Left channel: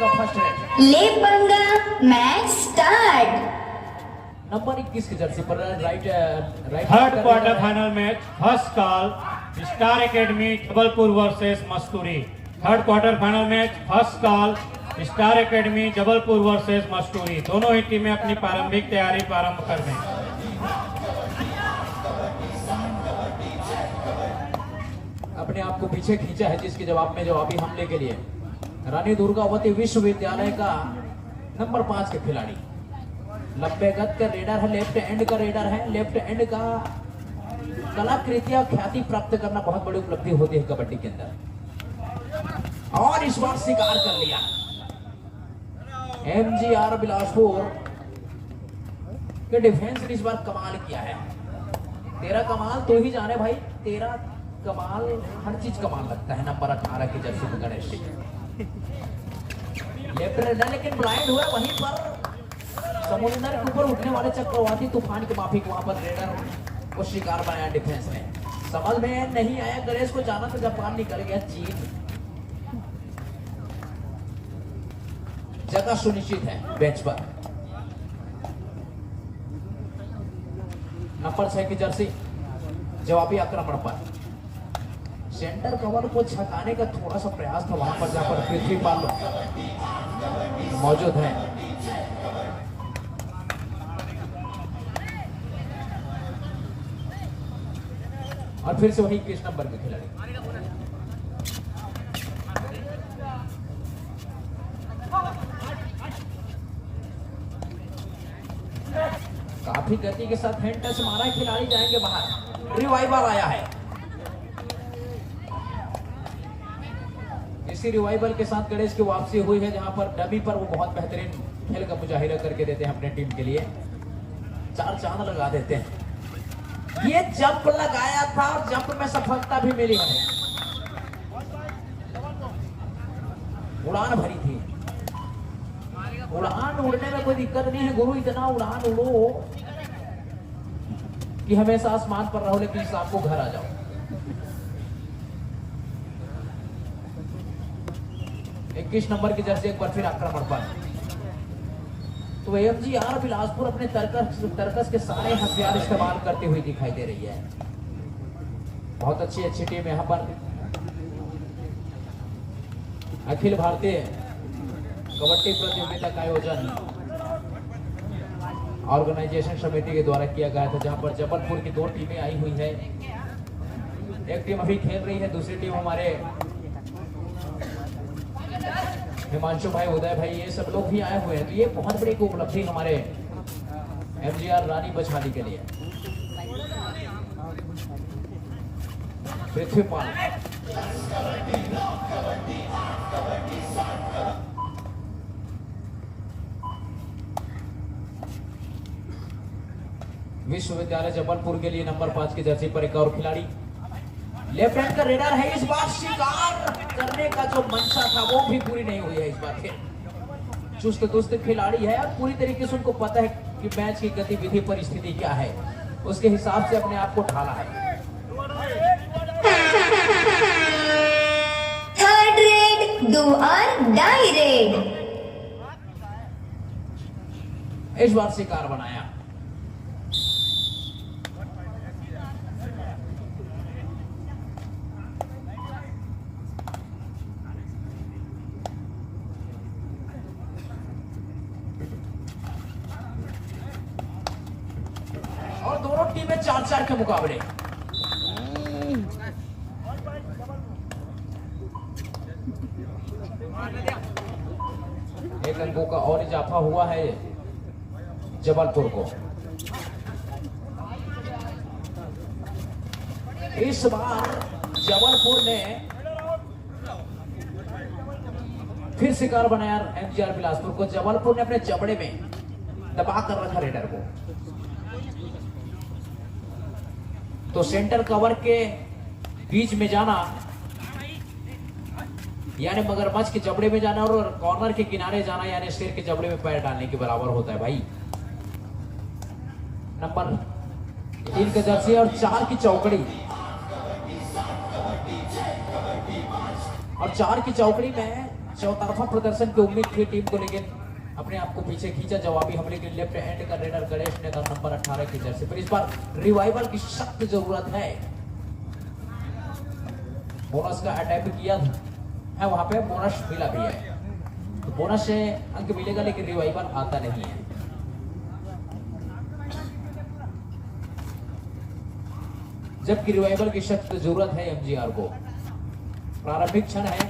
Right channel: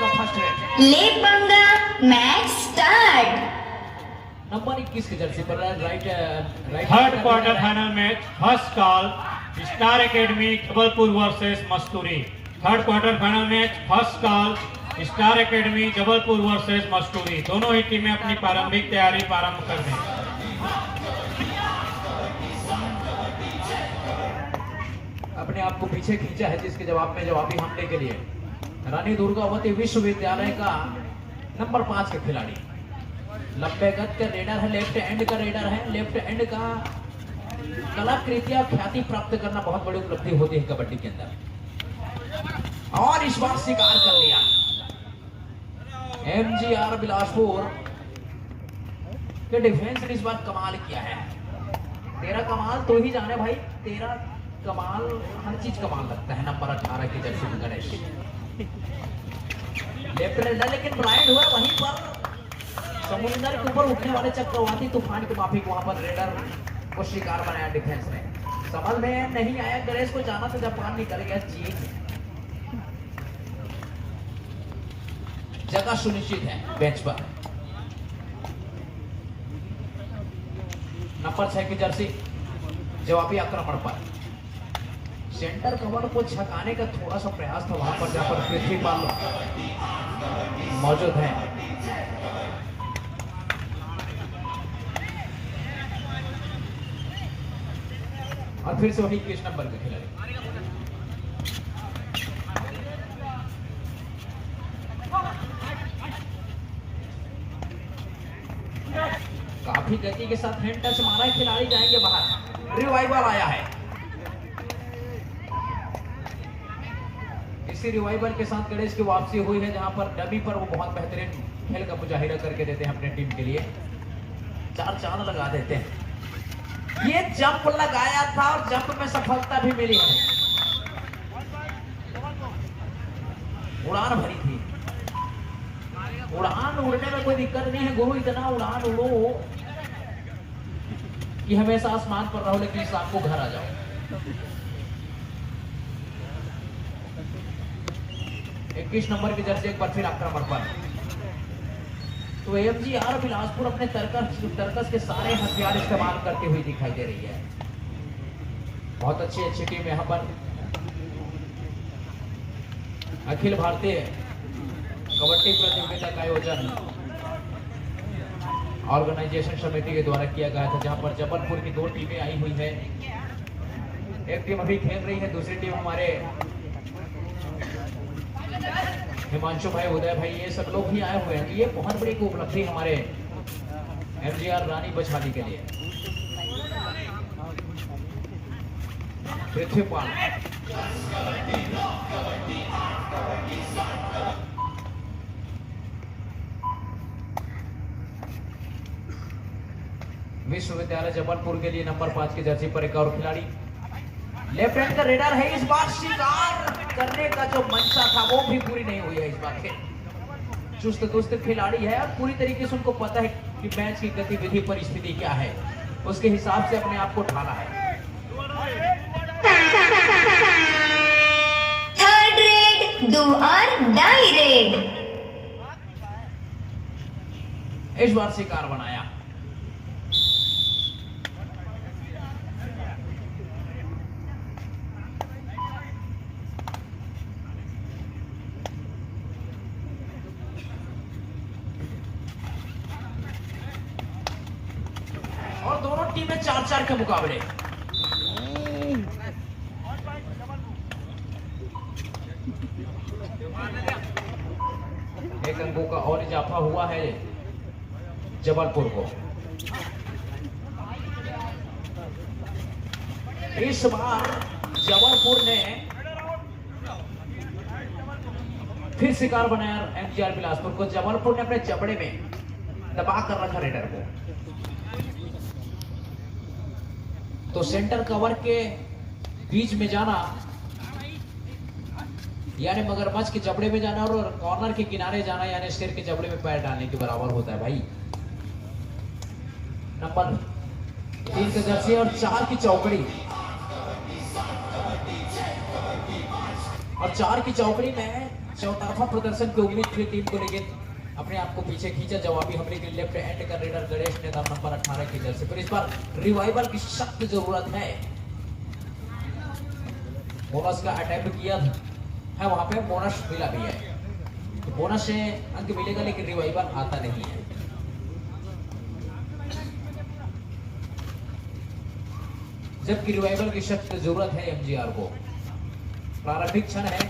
The first red. ले पंगा match start. Number 21 की जर्सी पर right third quarter final match first call star academy Jabalpur versus Masturi. Third quarter final match first call star academy Jabalpur versus Masturi. दोनों ही टीमें अपनी प्रारंभिक तैयारी प्रारंभ कर दें। अपने आप को पीछे खींचा है जिसके जवाब में जवाबी हमले के लिए रानी दुर्गावती विश्वविद्यालय का नंबर 5 के खिलाड़ी। लंबे गद का रेडर है, लेफ्ट एंड का रेडर है। लेफ्ट एंड का कलाकृतियां ख्याति प्राप्त करना बहुत बड़ी उपलब्धि होती है कबड्डी के अंदर। और इस बार शिकार कर लिया एमजीआर बिलासपुर के डिफेंस ने इस बार कमाल किया है। तेरा कमाल तो ही जाने भाई, तेरा कमाल हर चीज कमाल लगता है। नंबर 18 की जर्सी में गणेश लेफ्ट रेडर, लेकिन ब्राइड हुआ वहीं पर समुद्र के ऊपर उठने वाले चक्रवाती तूफान के माफिक वहां पर रेडर को शिकार बनाया डिफेंस ने। समझ में नहीं आया गणेश को, जाना तो जापान निकल गया चीन। जगह सुनिश्चित है बेंच पर। नंबर 6 की जर्सी जवाबी आक्रमण पर सेंटर कवर को छकाने का थोड़ा सा प्रयास था वहां पर, जहां पर पृथ्वीपाल मौजूद है। और फिर से वही 21 नंबर के खिलाड़ी। काफी गति के साथ हैंड टच मारा है, खिलाड़ी जाएंगे बाहर। रिवाइवल आया है। इसी रिवाइवल के साथ गणेश की वापसी हुई है, जहां पर डमी पर वो बहुत बेहतरीन खेल का मुजाहिरा करके देते हैं अपने टीम के लिए। 4 चांद लगा देते हैं। ये जंप लगाया था, जंप में सफलता भी मिली हमें। उड़ान भरी थी। उड़ान उड़ने में कोई दिक्कत नहीं है गुरु, इतना उड़ान उड़ो कि हमेशा आसमान पर रहो लेकिन शाम को घर आ जाओ। इक्कीस नंबर की जर्सी एक बार फिर आक्रमण पर। तो एमजीआर बिलासपुर अपने तर्कस के सारे हथियार इस्तेमाल करते हुए दिखाई दे रही है। बहुत अच्छी टीम यहाँ पर। अखिल भारतीय कबड्डी प्रतियोगिता का आयोजन ऑर्गेनाइजेशन समिति के द्वारा किया गया था, जहां पर जबलपुर की 2 टीमें आई हुई है। एक टीम अभी खेल रही है, दूसरी टीम हमारे हिमांशु भाई, उदय भाई, ये सब लोग भी आए हुए हैं। तो ये बहुत बड़ी उपलब्धि हमारे एमजीआर रानी बछाली के लिए। पृथ्वीपाल विश्वविद्यालय जबलपुर के लिए नंबर 5 की जर्सी पर एक और खिलाड़ी। लेफ्ट हैंड का रेडर है। इस बार शिकार करने का जो मंशा था वो भी पूरी नहीं हुई है इस बार के। चुस्त दुस्त खिलाड़ी है और पूरी तरीके से उनको पता है कि मैच की गतिविधि परिस्थिति क्या है, उसके हिसाब से अपने आप को ढाला है। थर्ड रेड, डू और डाई रेड। इस बार शिकार बनाया। और दोनों टीमें 4-4 के मुकाबले। एक अंकों का और इजाफा हुआ है जबलपुर को। इस बार जबलपुर ने फिर शिकार बनाया एमजीआर बिलासपुर को। जबलपुर ने अपने जबड़े में दबा कर रखा रेडर को। तो सेंटर कवर के बीच में जाना यानी मगरमच्छ के जबड़े में जाना और कॉर्नर के किनारे जाना यानी सिर के जबड़े में पैर डालने के बराबर होता है भाई। नंबर 3 का जर्सी और 4 की चौकड़ी। और 4 की चौकड़ी में चौतरफा प्रदर्शन की उम्मीद थी टीम को, लेकिन अपने आप को पीछे खींचा जवाबी हमले के लेफ्ट हैंड का रेडर गणेश ने था नंबर 18 की जर्सी पर। इस बार रिवाइवल की सख्त जरूरत है। बोनस का अटेम्प्ट किया है, वहां पे बोनस मिला भी है, तो बोनस से अंक मिलेगा, लेकिन रिवाइवल आता नहीं है। जबकि रिवाइवल की सख्त जरूरत है एमजीआर को। प्रारंभिक क्षण है,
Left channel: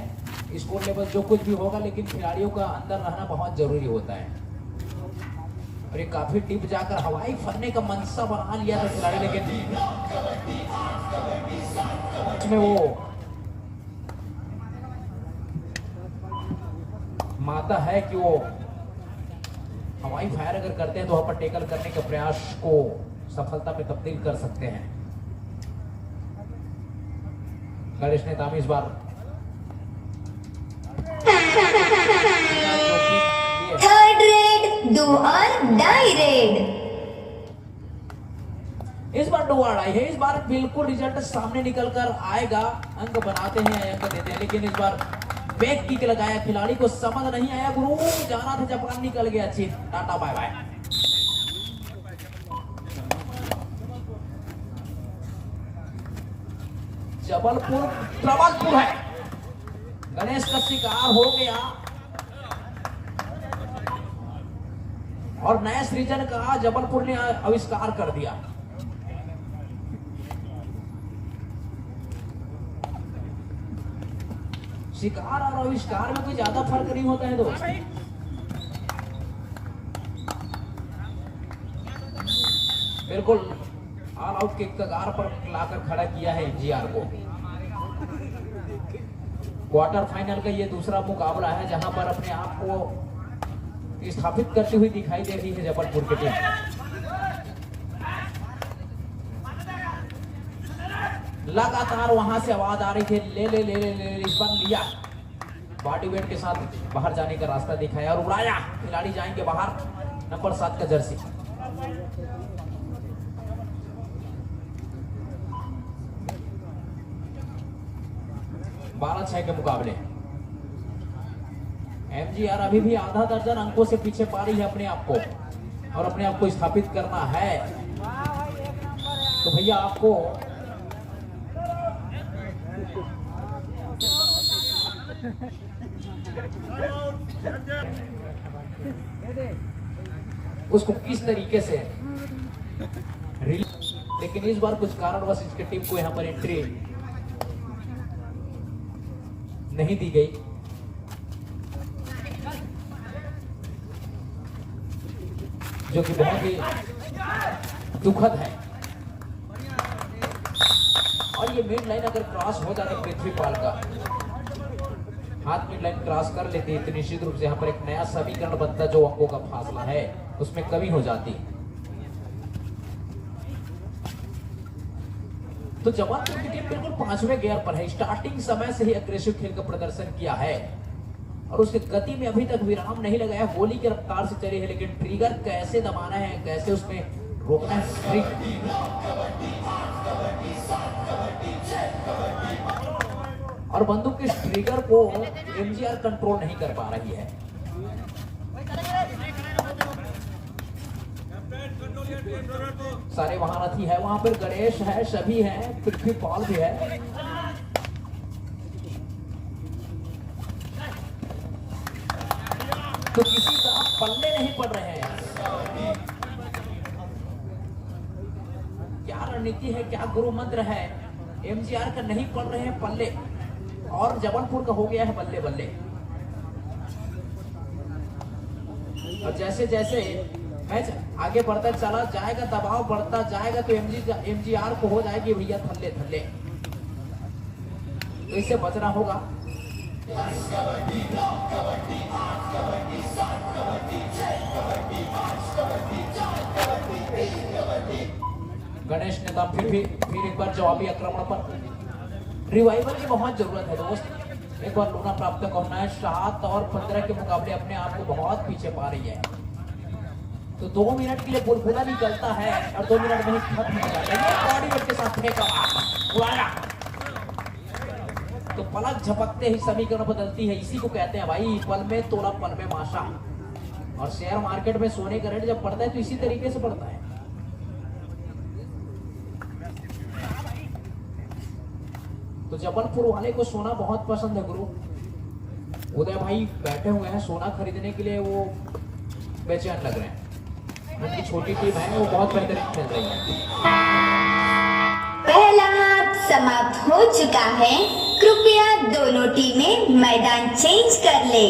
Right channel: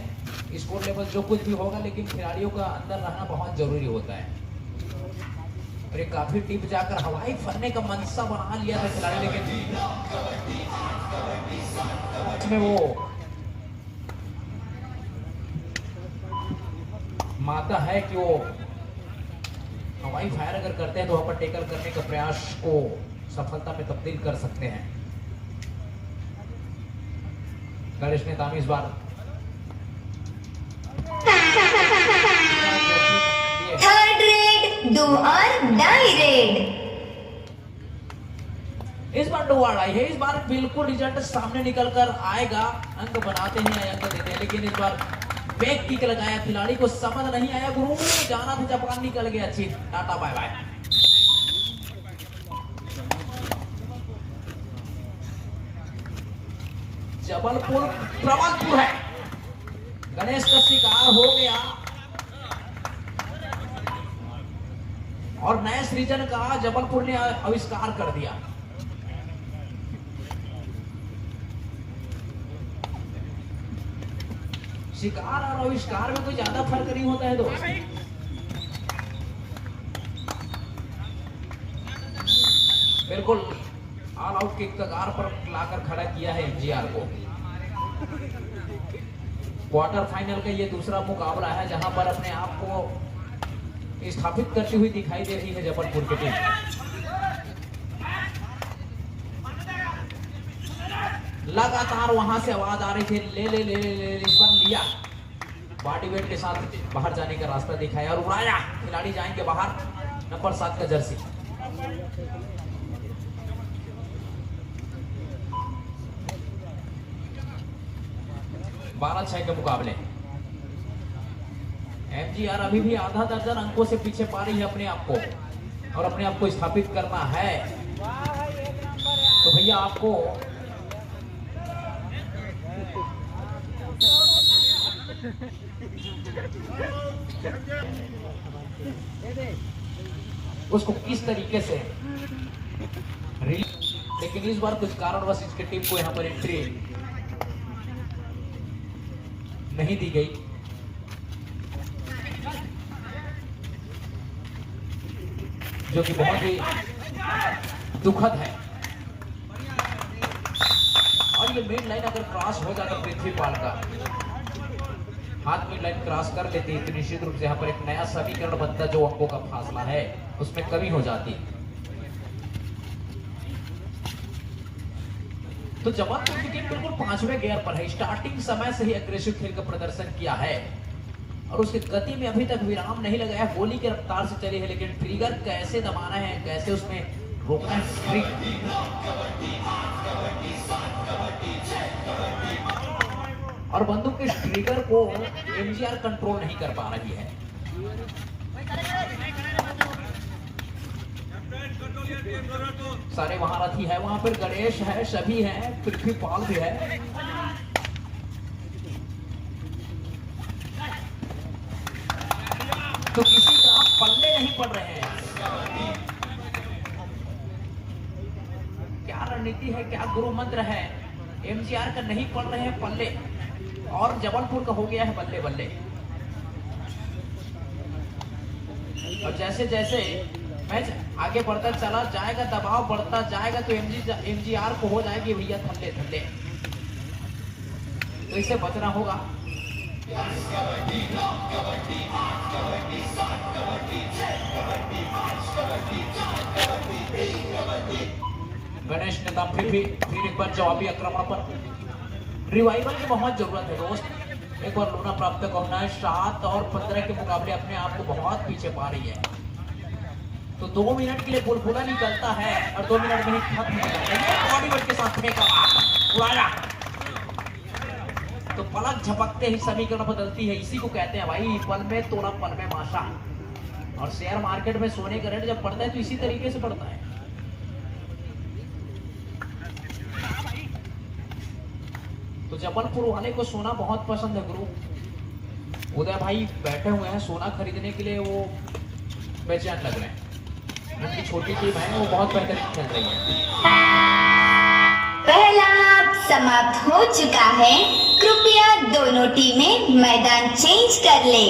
स्कोर लेवल जो कुछ भी होगा, लेकिन खिलाड़ियों का अंदर रहना बहुत जरूरी होता है। और ये काफी टिप जाकर हवाई फरने का मनसा बना लिया था खिलाड़ी, लेकिन में वो माता है कि वो हवाई फायर अगर करते हैं तो वहां पर टेकल करने के प्रयास को सफलता में तब्दील कर सकते हैं। गणेश ने तामी इस बार थर्ड रेड, डू और डाई रेड। इस बार डुआड़ आई है, इस बार बिल्कुल रिजल्ट सामने निकल कर आएगा। अंक बनाते हैं या अंक देते हैं, लेकिन इस बार बैक किक लगाया, खिलाड़ी को समझ नहीं आया, गुरु जाना था, जापान निकल गया। अच्छी टाटा बाय बाय। जबलपुर प्रबलपुर है, गणेश का शिकार हो गया और नए सृजन का जबलपुर ने आविष्कार कर दिया। शिकार और आविष्कार में कोई ज्यादा फर्क नहीं होता है दोस्त। बिल्कुल ऑल आउट के कगार पर लाकर खड़ा किया है एमजीआर को। क्वार्टर फाइनल का ये दूसरा मुकाबला है जहां पर अपने आप को स्थापित करती हुई दिखाई दे रही है जबलपुर की टीम। लगातार वहां से आवाज आ रही थी, ले ले ले ले ले, इस बार लिया, बॉडी वेट के साथ बाहर जाने का रास्ता दिखाया और उड़ाया। खिलाड़ी जाएंगे बाहर, नंबर 7 का जर्सी। बारह 6 के मुकाबले एमजीआर अभी भी आधा दर्जन अंकों से पीछे पा रही है अपने आप को, और अपने आप को स्थापित करना है तो भैया आपको उसको किस तरीके से, लेकिन इस बार कुछ कारणवश इसकी टीम को यहां पर एंट्री नहीं दी गई। जो कि बहुत ही दुखद है। और ये मिड लाइन अगर क्रॉस हो जाता पृथ्वीपाल का हाथ मिड लाइन क्रॉस कर लेती है तो निश्चित रूप से यहाँ पर एक नया समीकरण बनता, जो अंकों का फासला है उसमें कमी हो जाती। तो जबलपुर की टीम बिल्कुल 5वें गियर पर है। स्टार्टिंग समय से ही अग्रेसिव खेल का प्रदर्शन किया है और उसकी गति में अभी तक विराम नहीं लगाया। गोली की रफ्तार से चली है, लेकिन ट्रिगर कैसे दबाना है, कैसे उसमें रोकना है, और बंदूक के ट्रिगर को एमजीआर कंट्रोल नहीं कर पा रही है। सारे महारथी है, वहां पर गणेश है, सभी है, पृथ्वीपाल भी है। तो किसी का पल्ले नहीं पड़ रहे हैं। क्या रणनीति है, क्या गुरु मंत्र है, एमजीआर का नहीं पड़ रहे हैं पल्ले और जबलपुर का हो गया है बल्ले बल्ले। और जैसे जैसे मैच आगे बढ़ता चला जाएगा, दबाव बढ़ता जाएगा, तो एमजीआर को हो जाएगी भैया थल्ले थल्ले। तो इससे बचना होगा। गणेश ने तो फिर एक बार जवाबी आक्रमण पर रिवाइवल की बहुत जरूरत है दोस्त। एक बार लूना प्राप्त करना है। 7 और 15 के मुकाबले अपने आप को बहुत पीछे पा रही है। तो 2 मिनट के लिए बुलबुला निकलता है और 2 मिनट में ही खत्म हो जाता है। बॉडी वेट के साथ फेंका उड़ाया। तो पलक झपकते ही समीकरण बदलती है। इसी को कहते हैं भाई पल में तोला पल में माशा। और शेयर मार्केट में सोने का रेट जब बढ़ता है तो इसी तरीके से बढ़ता है। तो जबलपुर वाले को सोना बहुत पसंद है गुरु। उदय भाई बैठे हुए हैं सोना खरीदने के लिए, वो बेचैन लग रहे हैं। उनकी छोटी टीम है वो बहुत बेहतरीन खेल रही है। पहला हाफ समाप्त हो चुका है, कृपया दोनों टीमें मैदान चेंज कर ले।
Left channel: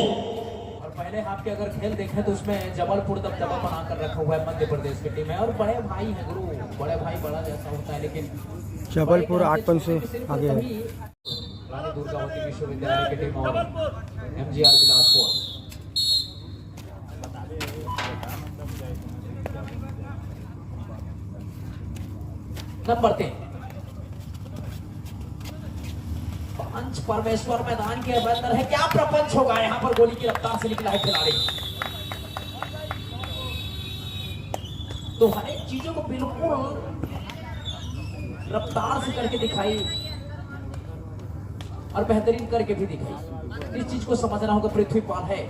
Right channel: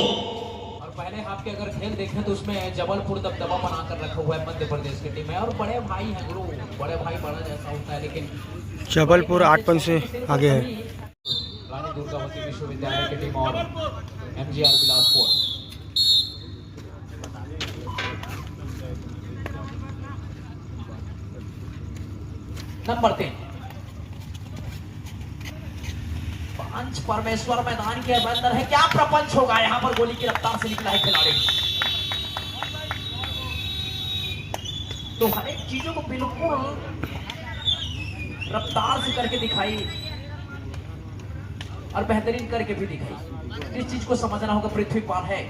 और पहले हाफ के अगर खेल देखें तो उसमें जबलपुर दबदबा बनाकर रखा हुआ है मध्य प्रदेश की टीम है। और बड़े भाई हैं गुरु, बड़े भाई बड़ा जैसा होता है, लेकिन जबलपुर 8 पॉइंट से आगे है। रानी दुर्गावती विश्वविद्यालय की टीम और एमजीआर बिलासपुर। नंबर 3 पंच परमेश्वर मैदान के अंदर है। क्या प्रपंच होगा यहाँ पर, गोली की रफ्तार से निकला है खिलाड़ी। तो हर एक चीजों को बिल्कुल रफ्तार से करके दिखाई और बेहतरीन करके भी दिखाई। इस चीज को समझना होगा। पृथ्वीपाल है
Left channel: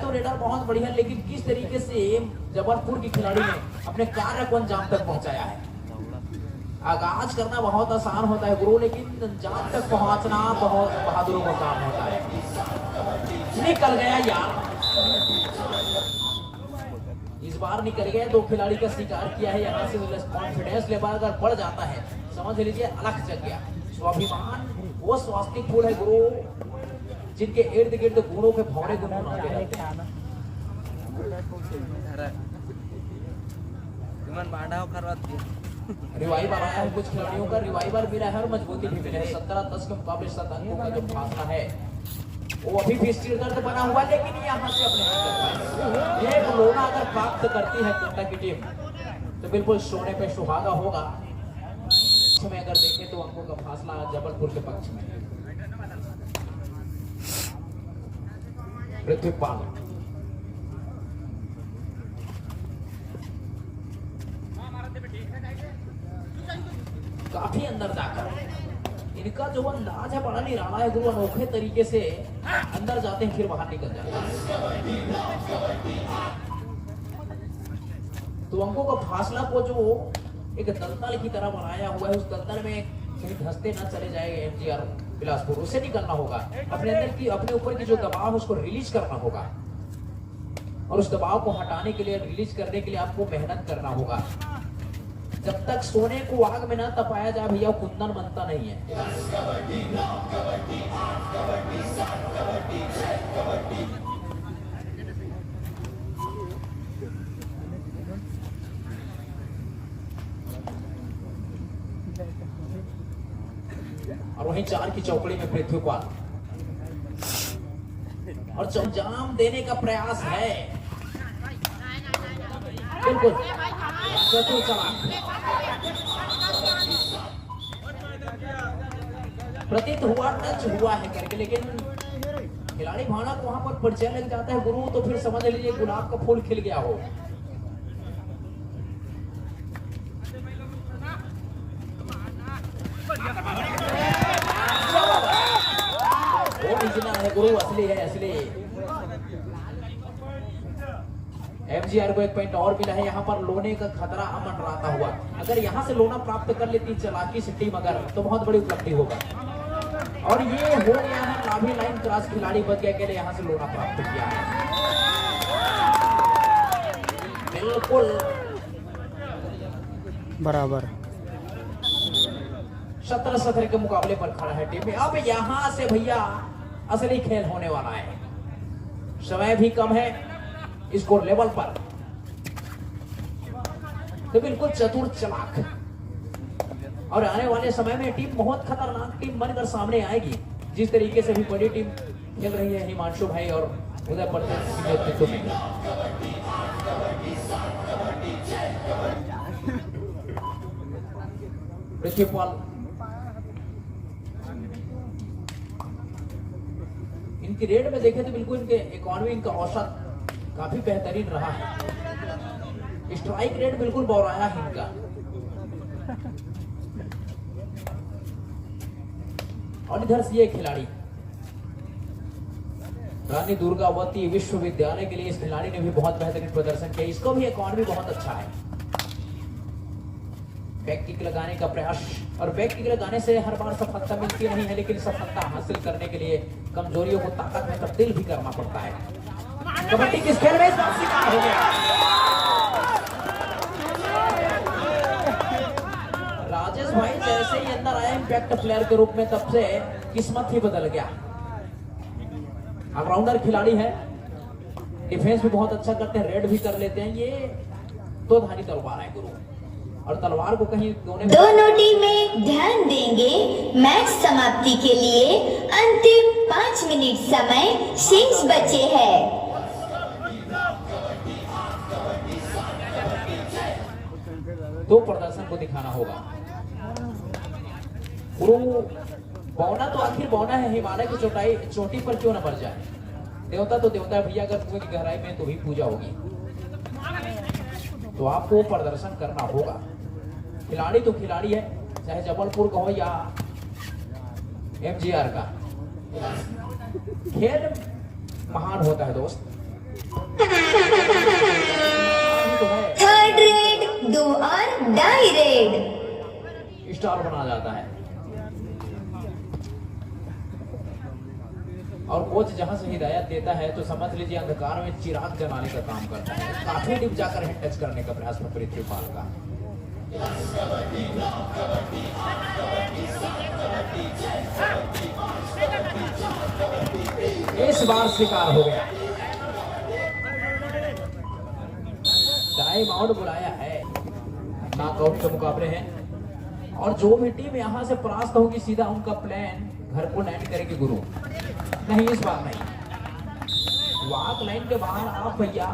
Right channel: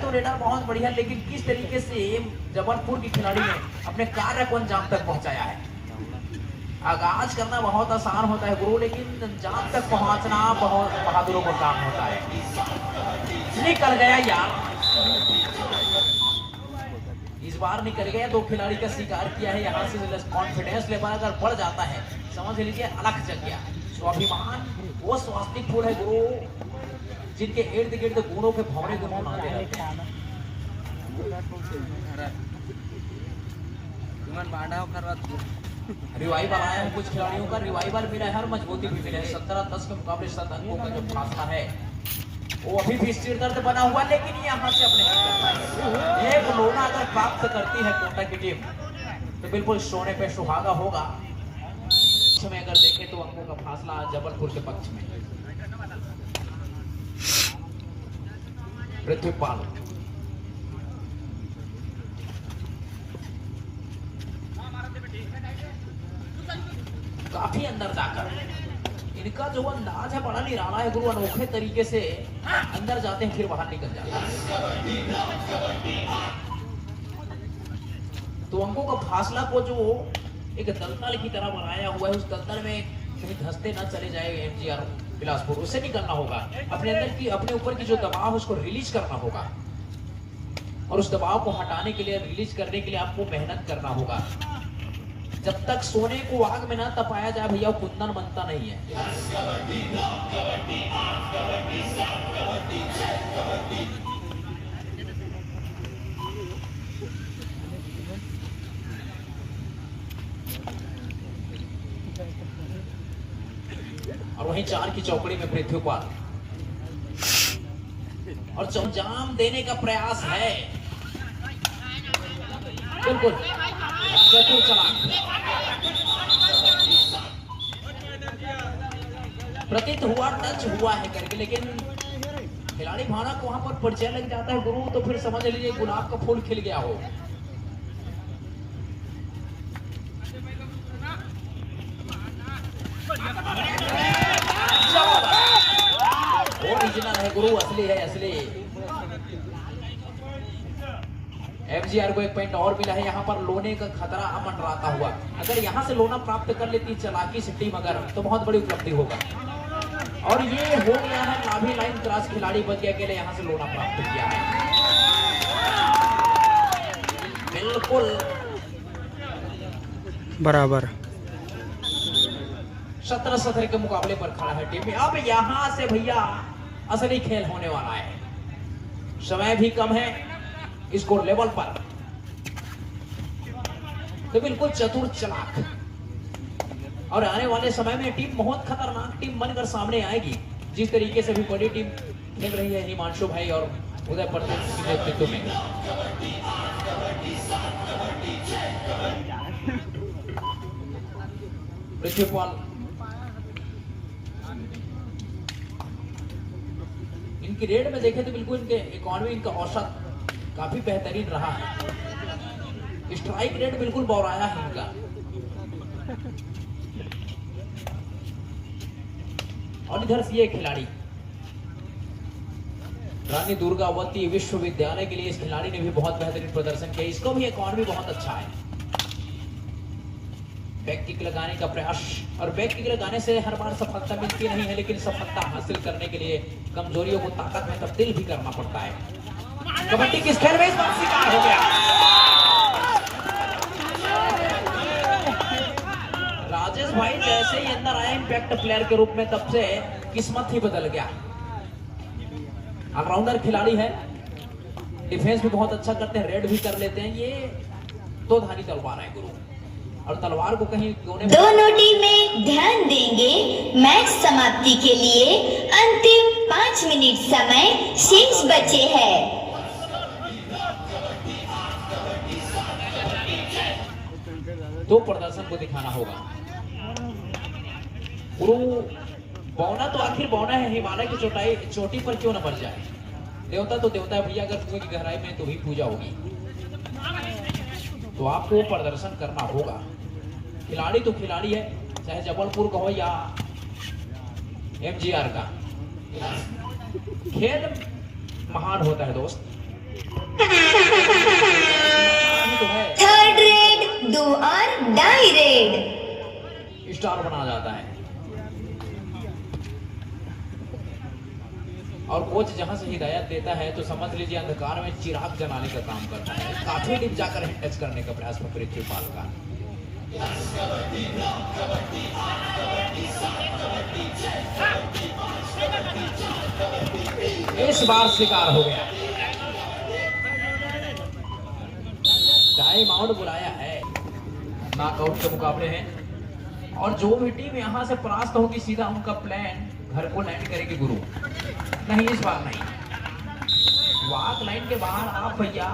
तो रेडर बहुत बढ़िया, लेकिन किस तरीके से जबलपुर की खिलाड़ी ने अपने कार्य को अंजाम तक पहुंचाया है। आगाज करना बहुत आसान होता है गुरु, लेकिन अंजाम तक पहुंचना बहुत बहादुरों का काम होता है। निकल गया यार, इस बार निकल गया। 2 खिलाड़ी का शिकार किया है। यहाँ से कॉन्फिडेंस लेवल अगर बढ़ जाता है समझ लीजिए अलग जग गया। स्वाभिमान वो स्वास्तिक फूल है गुरु, जिनके इर्द गिर्द गुणों के भौरे को रिवाइवर आया है। कुछ खिलाड़ियों का रिवाइवर मिला है और मजबूती भी मिला है। 17-10 के मुकाबले 7 अंकों का जो फासला है वो अभी भी स्थिर दर्द बना हुआ, लेकिन यहाँ से अपने ये लोना अगर प्राप्त करती है कोटा की टीम तो बिल्कुल सोने पे सुहागा होगा। में अगर देखें तो अंकों का फासला जबलपुर के पक्ष में। पृथ्वीपाल काफी अंदर जाकर इनका जो अंदाज है बड़ा निराला है गुरु। अनोखे तरीके से अंदर जाते हैं फिर बाहर निकल जाते हैं। तो अंकों का फासला को जो एक दलदल की तरह बनाया हुआ है, उस दलदल में कहीं धंसते ना चले जाए एमजीआर बिलासपुर, उससे निकलना होगा। अपने अंदर की अपने ऊपर की जो दबाव है उसको रिलीज करना होगा। और उस दबाव को हटाने के लिए, रिलीज करने के लिए आपको मेहनत करना होगा। जब तक सोने को आग में ना तपाया जाए भैया कुंदन बनता नहीं है। और वहीं 4 की चौकड़ी में पृथ्वीपाल और अंजाम देने का प्रयास है। बिल्कुल चतुर चालाक प्रतीत हुआ, टच हुआ है करके, लेकिन खिलाड़ी भावना को वहां पर परिचय लग जाता है गुरु, तो फिर समझ लीजिए गुलाब का फूल खिल गया हो। ओरिजिनल है गुरु, असली है असली। एमजीआर को 1 पॉइंट और मिला है। यहाँ पर लोने का खतरा मंडराता हुआ, अगर यहाँ से लोना प्राप्त कर लेती चालाकी से टीम अगर, तो बहुत बड़ी उपलब्धि होगा। और ये हो गया है, नाभी लाइन क्रॉस खिलाड़ी बच गया, अकेले यहाँ से लोना प्राप्त किया है। बिल्कुल बराबर 17-17 के मुकाबले पर खड़ा है टीम में। अब यहाँ से भैया असली खेल होने वाला है। समय भी कम है स्कोर लेवल पर, तो बिल्कुल चतुर चालाक। और आने वाले समय में टीम बहुत खतरनाक टीम बनकर सामने आएगी। जिस तरीके से भी बड़ी टीम खेल रही है हिमांशु भाई और उदय प्रताप के नेतृत्व में। पृथ्वीपाल इनकी रेड में देखें तो बिल्कुल इनके इकोनॉमी, इनका औसत काफी बेहतरीन रहा है। स्ट्राइक रेट बिल्कुल बौराया है इनका। और इधर से ये खिलाड़ी रानी दुर्गावती विश्वविद्यालय के लिए इस खिलाड़ी ने भी बहुत बेहतरीन प्रदर्शन किया। इसको भी इकॉनमी बहुत अच्छा है। बैक किक लगाने का प्रयास, और बैक किक लगाने से हर बार सफलता मिलती नहीं है, लेकिन सफलता हासिल करने के लिए कमजोरियों को ताकत में तब्दील भी करना पड़ता है। कबड्डी किस खेल में इस बार शिकार हो गया। राजेश भाई जैसे ही अंदर आए इम्पैक्ट प्लेयर के रूप में, तब से किस्मत ही बदल गया। ऑलराउंडर खिलाड़ी है, डिफेंस भी बहुत अच्छा करते हैं, रेड भी कर लेते हैं। ये दो धारी तलवार है गुरु, और तलवार को कहीं दोनों टीमें ध्यान देंगे। मैच समाप्ति के लिए अंतिम 5 मिनट समय शेष बचे हैं। दो प्रदर्शन को दिखाना होगा। गुरु बौना तो आखिर बौना है, हिमालय की चोटी पर क्यों न बढ़ जाए। देवता तो देवता भैया, अगर कुएं की गहराई में तो भी पूजा होगी, तो आपको प्रदर्शन करना होगा। खिलाड़ी तो खिलाड़ी है, चाहे जबलपुर का हो या एमजीआर का। खेल महान होता है दोस्त। तो है थर्ड रेड 2 और डाई रेड स्टार बना जाता है। और कोच जहां से हिदायत देता है तो समझ लीजिए अंधकार में चिराग जलाने का काम करता है। काफी डीप जाकर हिट टच करने का प्रयास में पृथ्वीपाल का। इस बार शिकार हो गया। टाइम आउट बुलाया है। नॉकआउट के मुकाबले हैं, और जो भी टीम यहां से परास्त होगी सीधा उनका प्लान घर को लैंड करेगी गुरु। नहीं, इस बार नहीं। वॉक लाइन के बाहर आप भैया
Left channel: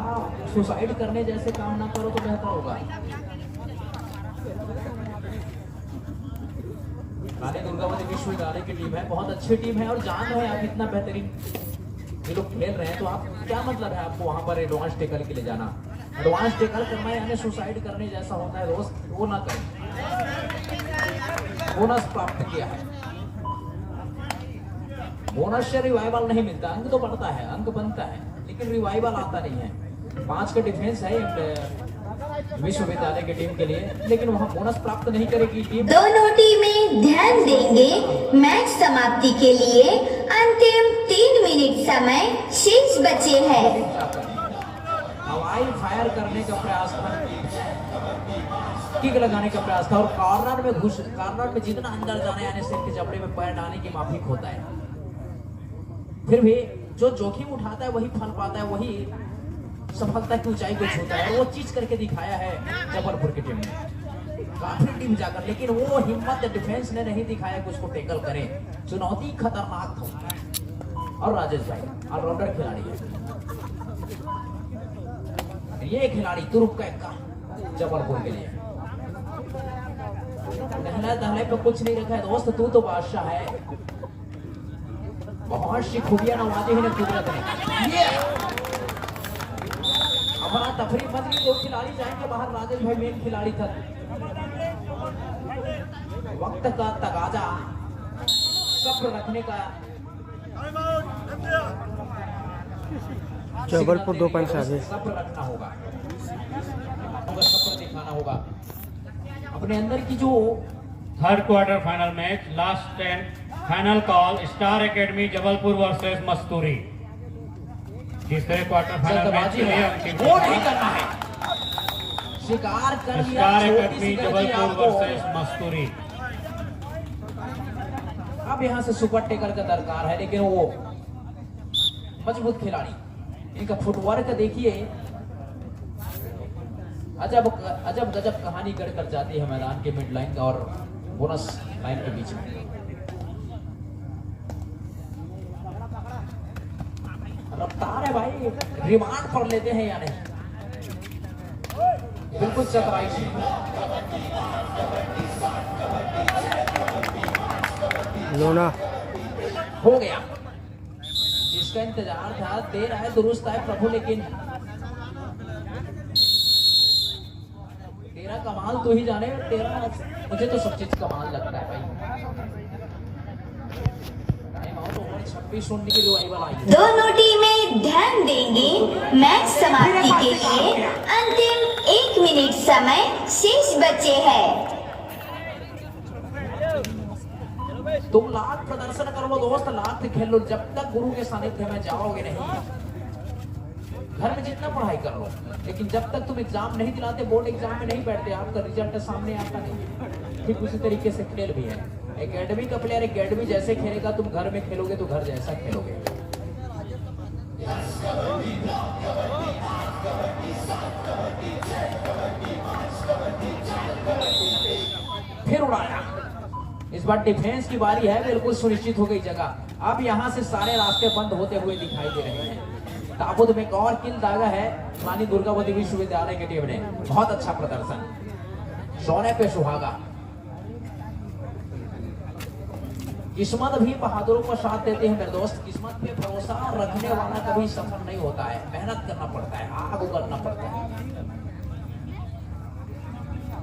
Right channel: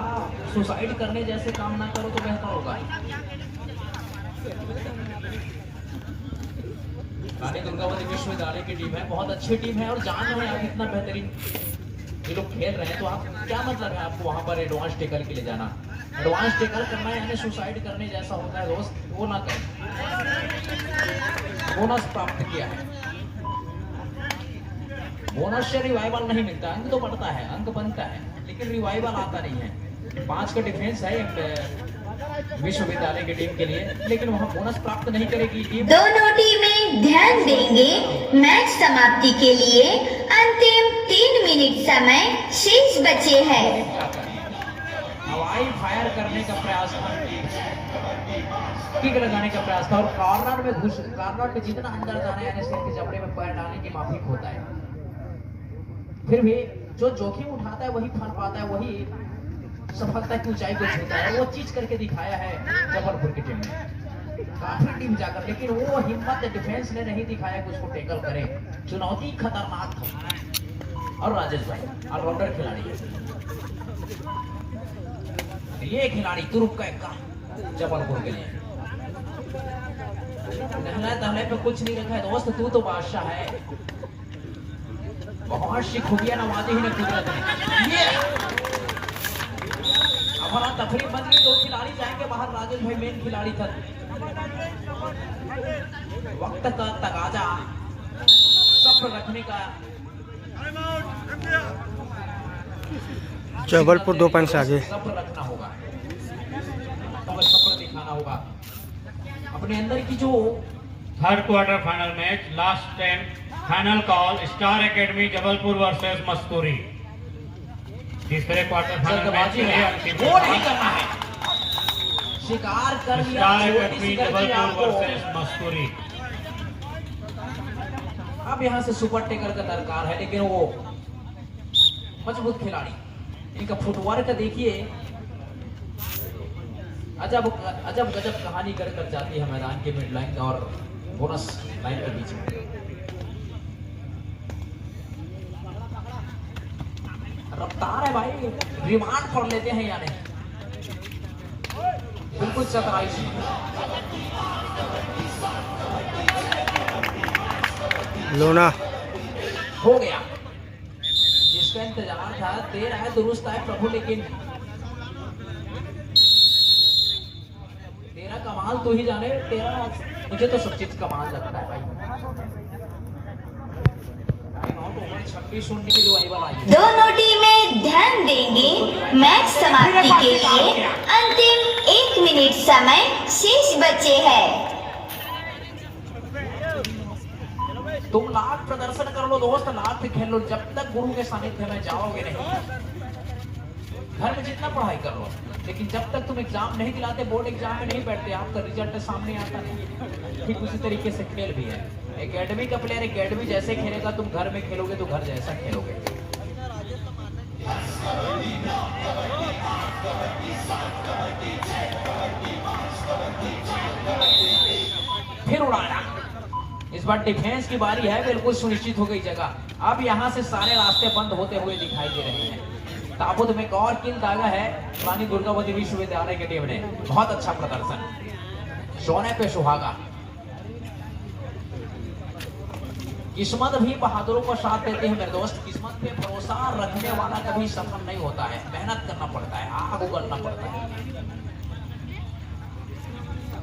सुसाइड करने जैसे काम ना करो तो बेहतर होगा। रानी दुर्गावती विश्वविद्यालय की टीम है, बहुत अच्छी टीम है, और जान रहे हैं आप इतना बेहतरीन ये लोग खेल रहे हैं, तो आप क्या मतलब है आपको वहां पर एडवांस टेकल के लिए जाना। एडवांस टेकल करना है यानी सुसाइड करने जैसा होता है दोस्त, वो ना करें। बोनस प्राप्त किया है, बोनस से रिवाइवल नहीं मिलता। अंक तो बढ़ता है, अंक बनता है, लेकिन रिवाइवल आता नहीं है। 5 का डिफेंस है विश्वविद्यालय की टीम के लिए, लेकिन वहां बोनस प्राप्त नहीं करेगी टीम। दोनों टीमें ध्यान देंगे। मैच समाप्ति के लिए अंतिम 3 मिनट समय शेष बचे हैं। हवाई फायर करने का प्रयास था, किक लगाने का प्रयास था, और कॉर्नर में जितना अंदर जाने आने से जबड़े में पैर डालने की माफिक होता है। फिर भी जो जोखिम उठाता है वही फल पाता है, वही सफलता की ऊंचाई को छूता है। वो चीज करके दिखाया है जबलपुर की टीम ने, काफी टीम जाकर, लेकिन वो हिम्मत डिफेंस ने नहीं दिखाया कि उसको टैकल करे। चुनौती खतरनाक था। और राजेश भाई ऑलराउंडर खिलाड़ी है, ये खिलाड़ी तुरुप का जबलपुर के लिए दहले पे कुछ नहीं रखा है दोस्त। तू तो बादशाह है, बहुत सी खूबियां नवाजी ही ने कुदरत ने। अपना तफरी बन गई, 2 खिलाड़ी जाएंगे बाहर। राजेश भाई मेन खिलाड़ी था। वक्त का तगाजा, सब्र रखने का। जबलपुर 2 पॉइंट से आगे। सब्र रखना होगा, और सब्र दिखाना होगा अपने अंदर की। जो third quarter final match, last 10 final call, star academy Jabalpur versus Masturi. तीसरे क्वार्टर फाइनल मैच के लिए अंतिम वो नहीं करना है, शिकार कर लिया। Star academy Jabalpur versus Masturi. अब यहाँ से सुपर टेकर का दरकार है, लेकिन वो मजबूत खिलाड़ी, इनका फुटवर्क देखिए, अजब गजब कहानी कर जाती है मैदान के मिड लाइन और बोनस लाइन के बीच में। रफ्तार है भाई, रिमांड पर लेते हैं या नहीं, बिल्कुल चतुराई से। लोना हो गया, जिसका इंतजार था। दे रहा है, दुरुस्त है प्रभु, लेकिन तेरा कमाल तू ही जाने। तेरा मुझे तो सब चीज कमाल लगता है भाई। शून्य की रिवाइवल आई है। दोनों टीमें ध्यान देंगे, मैच समाप्ति के लिए अंतिम 1 मिनट समय शेष बचे हैं। तुम लाख प्रदर्शन कर लो दोस्त, लाख खेल लो, जब तक गुरु के सानिध्य में जाओगे नहीं, घर में जितना पढ़ाई कर लो, लेकिन जब तक तुम एग्जाम नहीं दिलाते, बोर्ड एग्जाम में नहीं बैठते, आपका रिजल्ट सामने आता नहीं। ठीक उसी तरीके से खेल भी है। एकेडमी का प्लेयर एकेडमी जैसे खेलेगा, तुम घर में खेलोगे तो घर जैसा खेलोगे। फिर उड़ाना, इस बार डिफेंस की बारी है, बिल्कुल सुनिश्चित हो गई जगह। अब यहाँ से सारे रास्ते बंद होते हुए दिखाई दे रहे हैं। ताबूत में एक और किल दागा है रानी दुर्गावती विश्वविद्यालय की टीम ने, बहुत अच्छा प्रदर्शन, सोने पे सुहागा। किस्मत भी बहादुरों का साथ देते हैं मेरे दोस्त। किस्मत पे भरोसा रखने वाला कभी सफल नहीं होता है, मेहनत करना पड़ता है, आग उगलना पड़ता है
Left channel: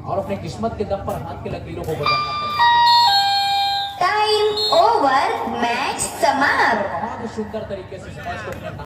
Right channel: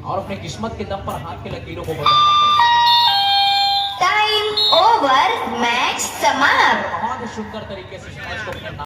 और अपने किस्मत के दम पर हाथ के लकीरों को बदलना पड़ता है। टाइम ओवर, मैच समाप्त। बहुत सुंदर तरीके से इस मैच को अपने